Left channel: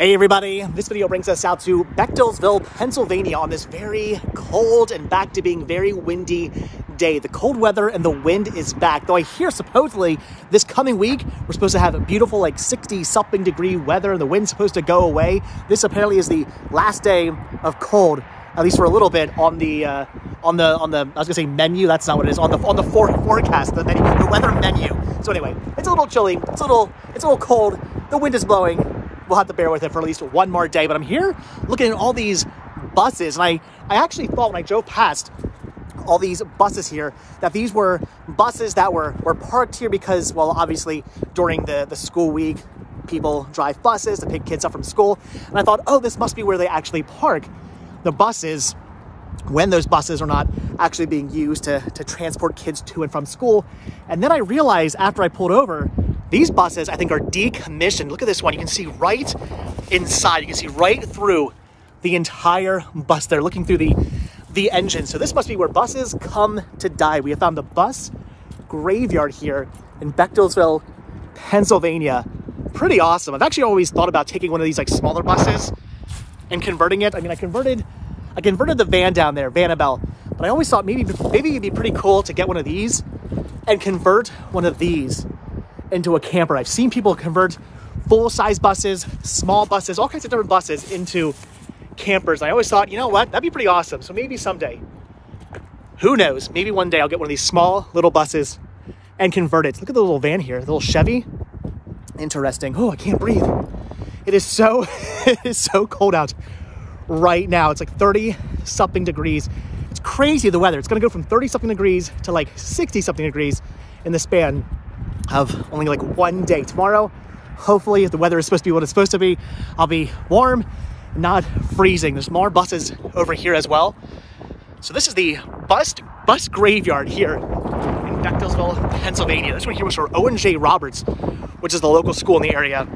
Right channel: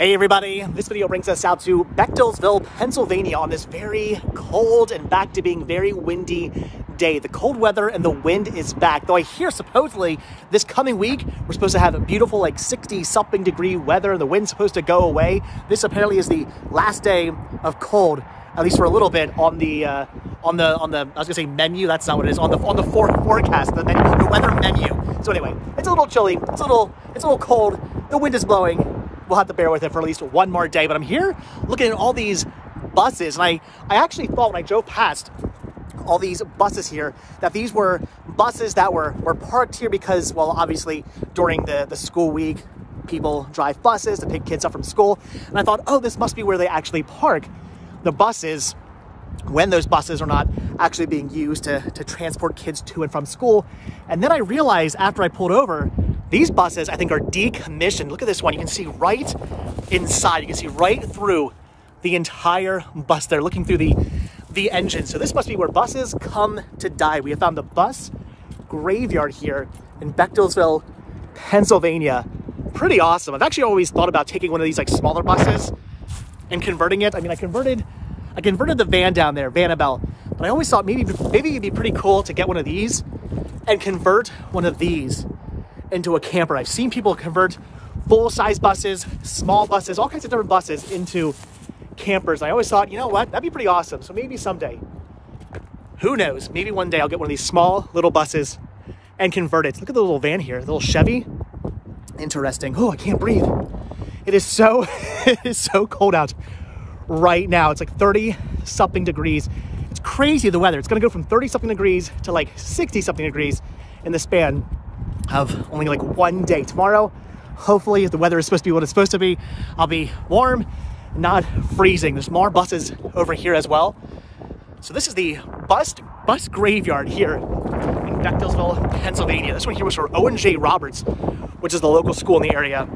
Hey everybody, this video brings us out to Bechtelsville, Pennsylvania on this very cold and back to being very windy day. The cold weather and the wind is back, though I hear supposedly this coming week we're supposed to have a beautiful like 60-something degree weather. The wind's supposed to go away. This apparently is the last day of cold, at least for a little bit on the I was gonna say menu. That's not what it is. On the forecast, the menu, the weather menu. So anyway, it's a little chilly. It's a little cold. The wind is blowing. We'll have to bear with it for at least one more day. But I'm here looking at all these buses, and I actually thought when I drove past all these buses here that these were buses that were parked here because, well, obviously during the school week, people drive buses to pick kids up from school. And I thought, oh, this must be where they actually park the buses when those buses are not actually being used to transport kids to and from school. And then I realized after I pulled over, these buses, I think, are decommissioned. Look at this one. You can see right inside. You can see right through the entire bus there, looking through the engine. So this must be where buses come to die. We have found the bus graveyard here in Bechtelsville, Pennsylvania. Pretty awesome. I've actually always thought about taking one of these like smaller buses and converting it. I mean, I converted the van down there, Vanabelle, but I always thought maybe it'd be pretty cool to get one of these and convert one of these into a camper. I've seen people convert full-size buses, small buses, all kinds of different buses into campers. I always thought, you know what, that'd be pretty awesome. So maybe someday, who knows, maybe one day I'll get one of these small little buses and convert it. Look at the little van here, the little Chevy. Interesting. Oh, I can't breathe. It is so, it is so cold out right now. It's like 30-something degrees. It's crazy, the weather. It's gonna go from 30-something degrees to like 60-something degrees in the span of only like one day. Tomorrow, hopefully, if the weather is supposed to be what it's supposed to be, I'll be warm, not freezing. There's more buses over here as well. So this is the bus graveyard here in Bechtelsville, Pennsylvania. This one here was for O&J Roberts, which is the local school in the area.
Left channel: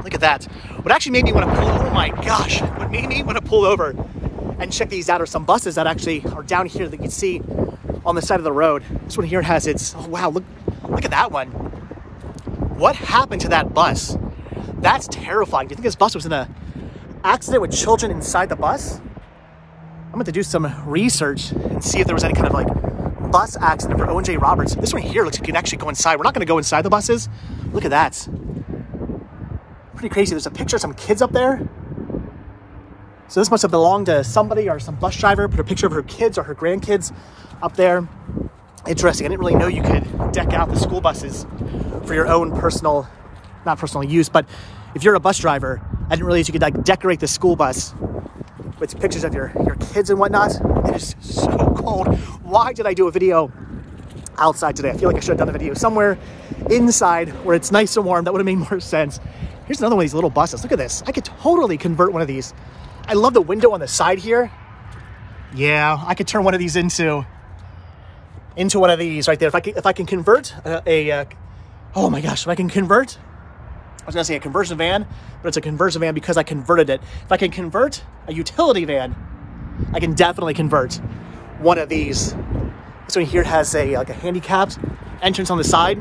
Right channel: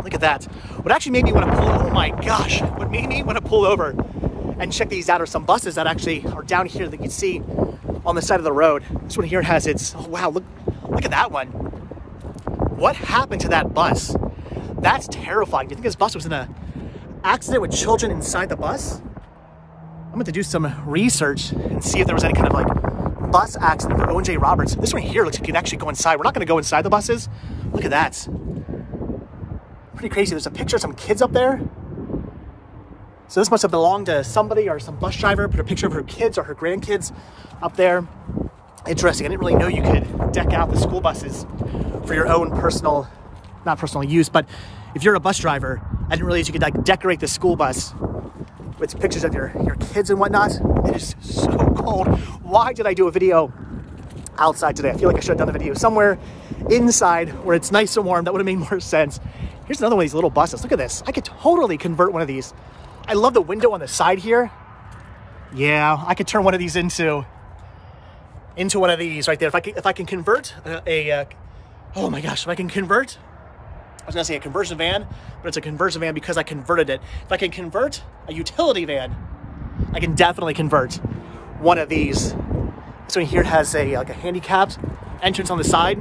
Look at that. What actually made me want to pull, oh my gosh, what made me want to pull over and check these out are some buses that actually are down here that you can see on the side of the road. This one here has its, oh wow, look at that one. What happened to that bus? That's terrifying. Do you think this bus was in an accident with children inside the bus? I'm going to do some research and see if there was any kind of like bus accident for O&J Roberts. This one here looks like you can actually go inside. We're not going to go inside the buses. Look at that. Pretty crazy. There's a picture of some kids up there. So this must have belonged to somebody or some bus driver, put a picture of her kids or her grandkids up there. Interesting. I didn't really know you could deck out the school buses for your own not personal use, but if you're a bus driver, I didn't realize you could like decorate the school bus with pictures of your kids and whatnot. It is so cold. Why did I do a video outside today? I feel like I should have done a video somewhere inside where it's nice and warm. That would have made more sense. Here's another one of these little buses. Look at this. I could totally convert one of these. I love the window on the side here. Yeah, I could turn one of these into one of these right there. If I can convert oh my gosh, if I can convert, I was gonna say a conversion van, but it's a conversion van because I converted it. If I can convert a utility van, I can definitely convert one of these. This one here has like a handicapped entrance on the side.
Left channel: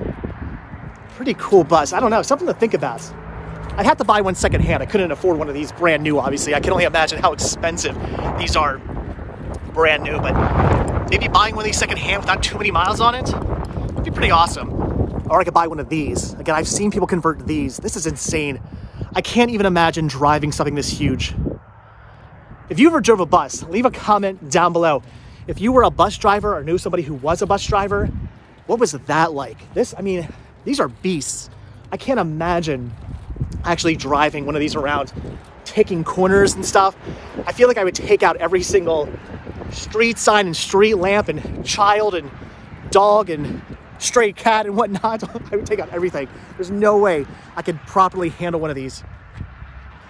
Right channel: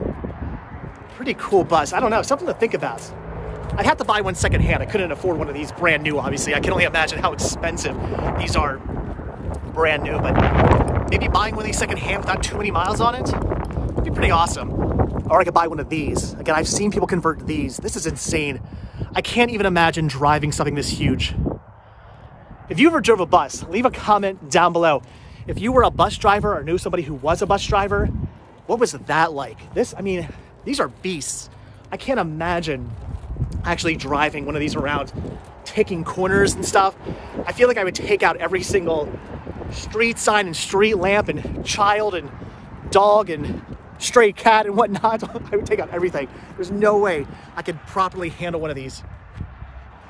Pretty cool bus. I don't know, something to think about. I'd have to buy one secondhand. I couldn't afford one of these brand new, obviously. I can only imagine how expensive these are brand new, but maybe buying one of these secondhand without too many miles on it would be pretty awesome. Or I could buy one of these. Again, I've seen people convert these. This is insane. I can't even imagine driving something this huge. If you ever drove a bus, leave a comment down below. If you were a bus driver or knew somebody who was a bus driver, what was that like? I mean, these are beasts. I can't imagine actually driving one of these around, taking corners and stuff. I feel like I would take out every single street sign and street lamp and child and dog and stray cat and whatnot. I would take out everything. There's no way I could properly handle one of these.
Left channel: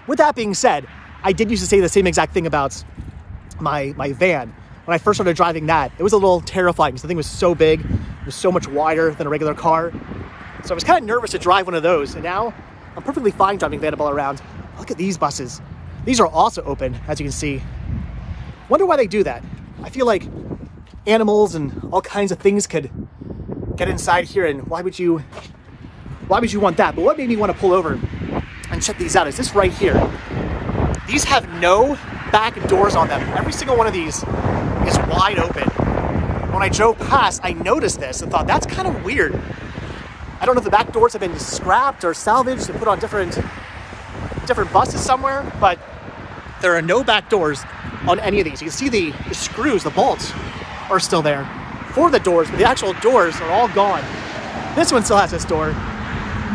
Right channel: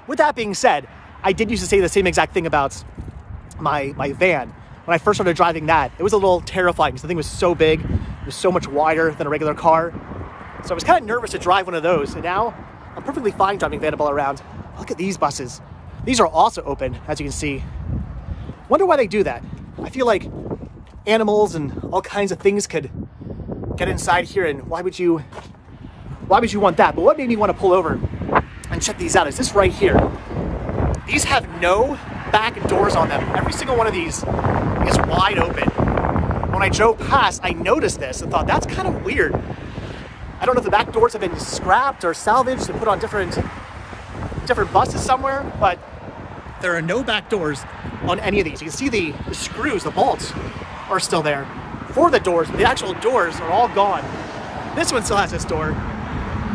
With that being said, I did used to say the same exact thing about my van. When I first started driving that, it was a little terrifying because the thing was so big. It was so much wider than a regular car. So I was kind of nervous to drive one of those. And now I'm perfectly fine driving Vanabelle around. Look at these buses. These are also open, as you can see. Wonder why they do that. I feel like animals and all kinds of things could get inside here, and why would you want that? But what made me want to pull over And check these out. Is this right here? These have no back doors on them. Every single one of these is wide open. When I drove past, I noticed this and thought, that's kind of weird. I don't know if the back doors have been scrapped or salvaged and put on different buses somewhere, but there are no back doors on any of these. You can see the screws, the bolts are still there for the doors, but the actual doors are all gone. This one still has its door,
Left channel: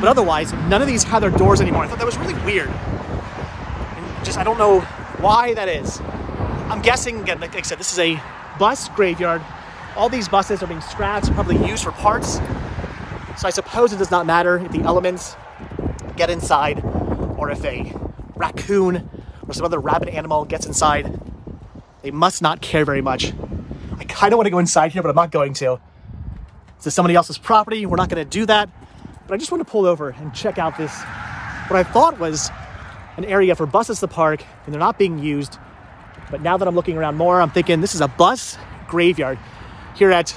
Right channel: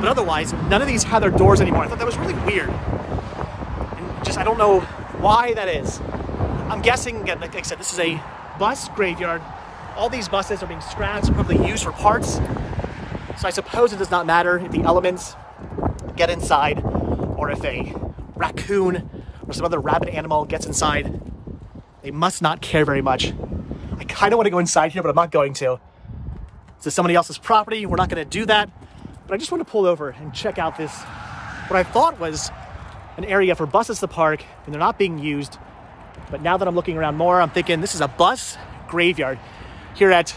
but otherwise, none of these have their doors anymore. I thought that was really weird. And just, I don't know why that is. I'm guessing, again, like I said, this is a bus graveyard. All these buses are being scrapped and probably used for parts. So I suppose it does not matter if the elements get inside or if a raccoon or some other rabid animal gets inside. They must not care very much. I kind of want to go inside here, but I'm not going to. This is somebody else's property. We're not going to do that. But I just want to pull over and check out this, what I thought was an area for buses to park, and they're not being used. But now that I'm looking around more, I'm thinking this is a bus graveyard here at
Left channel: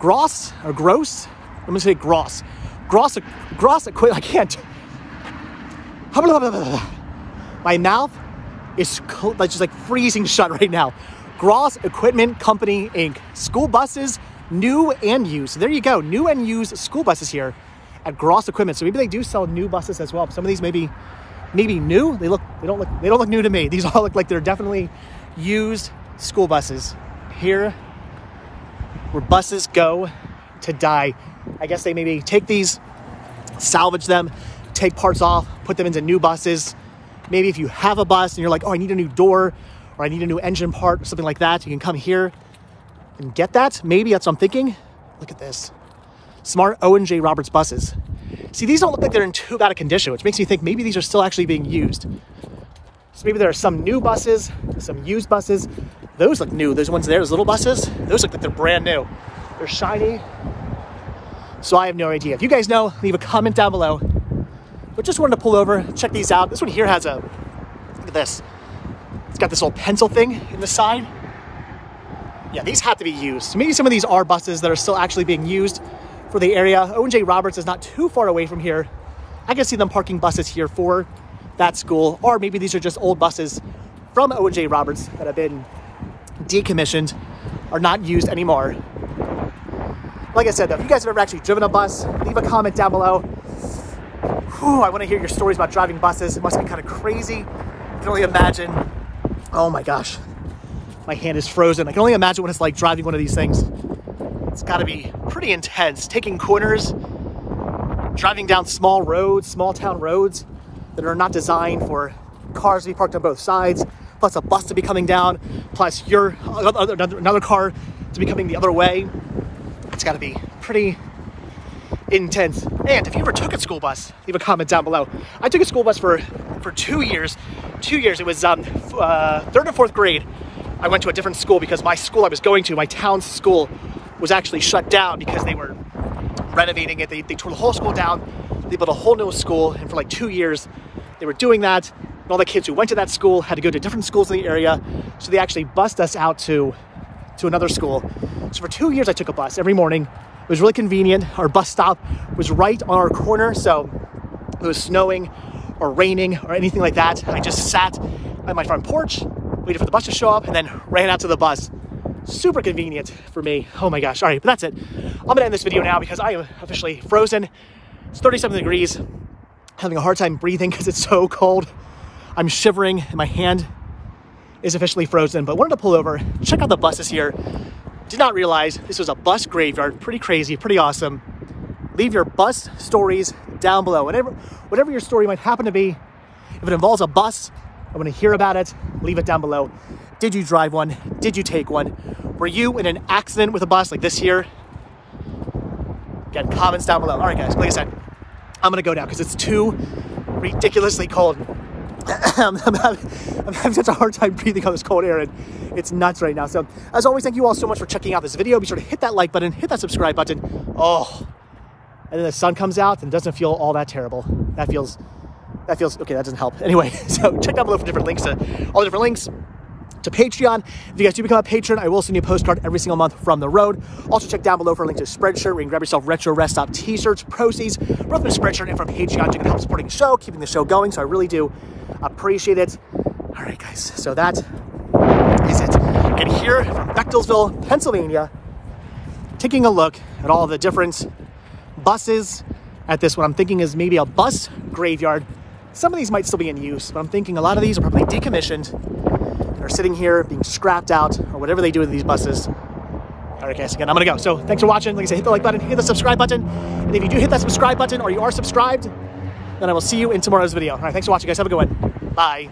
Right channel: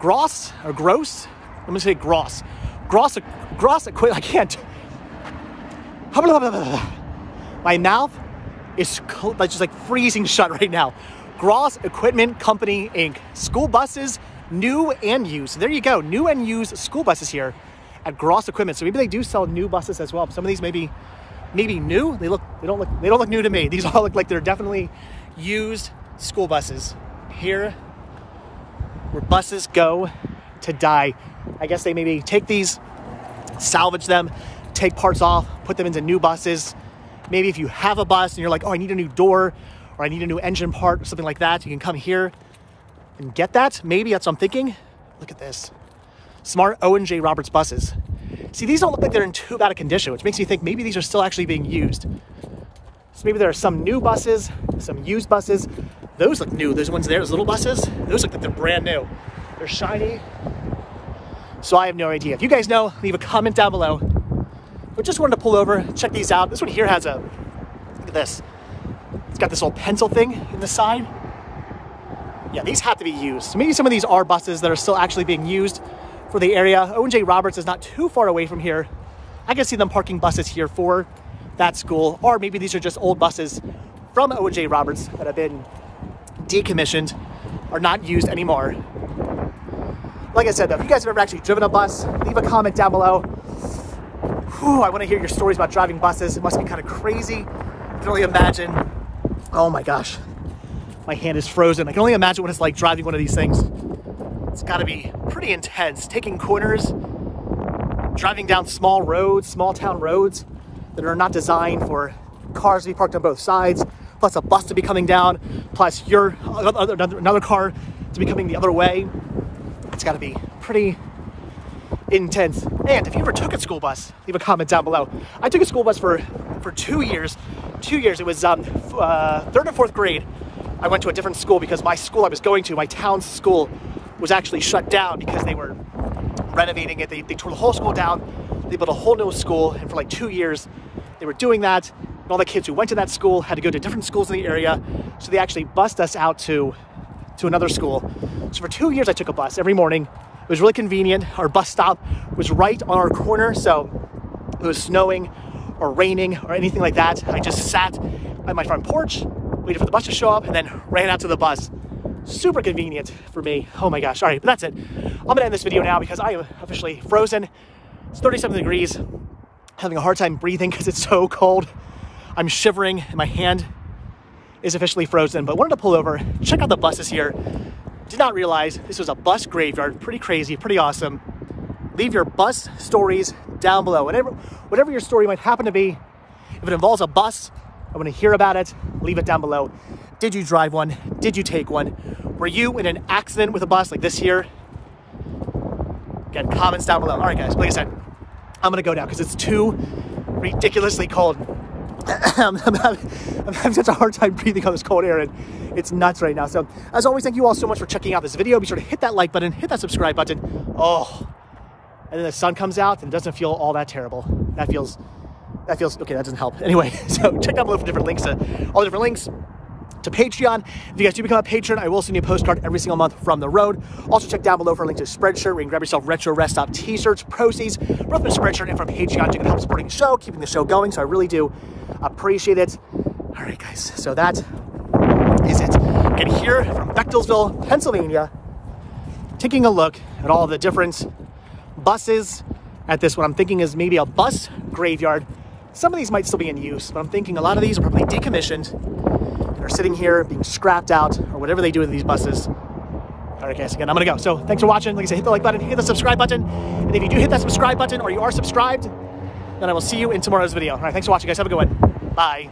Gross. I'm going to say Gross. Gross, I can't. My mouth is just like freezing shut right now. Gross Equipment Company, Inc. School buses, new and used. So there you go, new and used school buses here at Gross Equipment. So maybe they do sell new buses as well. Some of these maybe new. They don't look new to me. These all look like they're definitely used school buses. Here, where buses go to die. I guess they maybe take these, salvage them, take parts off, put them into new buses. Maybe if you have a bus and you're like, oh, I need a new door or I need a new engine part or something like that, you can come here and get that. Maybe that's what I'm thinking. Look at this. Smart O&J Roberts buses. See, these don't look like they're in too bad a condition, which makes me think maybe these are still actually being used. So maybe there are some new buses, some used buses. Those look new. Those ones there, those little buses, those look like they're brand new. They're shiny. So I have no idea. If you guys know, leave a comment down below. But just wanted to pull over, check these out. This one here has a, look at this. It's got this little pencil thing in the side. Yeah, these have to be used. So maybe some of these are buses that are still actually being used for the area. O&J Roberts is not too far away from here. I can see them parking buses here for that school. Or maybe these are just old buses from O&J Roberts that have been decommissioned, are not used anymore. Like I said, though, if you guys have ever actually driven a bus, leave a comment down below. Whew, I want to hear your stories about driving buses. It must be kind of crazy. I can only imagine. Oh my gosh, my hand is frozen. I can only imagine what it's like driving one of these things. It's got to be pretty intense. Taking corners, driving down small roads, small town roads that are not designed for cars to be parked on both sides, plus a bus to be coming down, plus another car to be coming the other way. It's got to be pretty intense. And if you ever took a school bus, leave a comment down below. I took a school bus for 2 years. 2 years. It was 3rd or 4th grade. I went to a different school because my school I was going to, my town's school, was actually shut down because they were renovating it. They tore the whole school down. They built a whole new school, and for like 2 years they were doing that. And all the kids who went to that school had to go to different schools in the area, so they actually bused us out to another school. So for 2 years I took a bus every morning. It was really convenient. Our bus stop was right on our corner, so if it was snowing or raining or anything like that, I just sat at my front porch, waited for the bus to show up, and then ran out to the bus. Super convenient for me. Oh my gosh. All right, but that's it. I'm gonna end this video now because I am officially frozen. It's 37 degrees. Having a hard time breathing because it's so cold. I'm shivering and my hand is officially frozen, but wanted to pull over, check out the buses here. Did not realize this was a bus graveyard. Pretty crazy, pretty awesome. Leave your bus stories down below. Whatever your story might happen to be. If it involves a bus, I want to hear about it. Leave it down below. Did you drive one? Did you take one? Were you in an accident with a bus like this here? Again, comments down below. All right, guys, like I said, I'm gonna go now because it's too ridiculously cold. I'm having such a hard time breathing on this cold air, and it's nuts right now. So as always, thank you all so much for checking out this video. Be sure to hit that like button, hit that subscribe button. Oh, and then the sun comes out and it doesn't feel all that terrible. That feels okay. That doesn't help. Anyway, so check down below for different links to all the different links to Patreon. If you guys do become a patron, I will send you a postcard every single month from the road. Also check down below for a link to a Spreadshirt where you can grab yourself retro rest stop t-shirts. Proceeds both from Spreadshirt and from Patreon to help supporting the show, keeping the show going. So I really do appreciate it. All right, guys, so that is it. And here from Bechtelsville, Pennsylvania, taking a look at all the different buses at this, what I'm thinking is maybe a bus graveyard. Some of these might still be in use, but I'm thinking a lot of these are probably decommissioned and are sitting here being scrapped out or whatever they do with these buses. All right, guys, again, I'm gonna go. So thanks for watching. Like I said, hit the like button, hit the subscribe button. And if you do hit that subscribe button or you are subscribed, then I will see you in tomorrow's video. All right, thanks for watching, guys. Have a good one. Bye.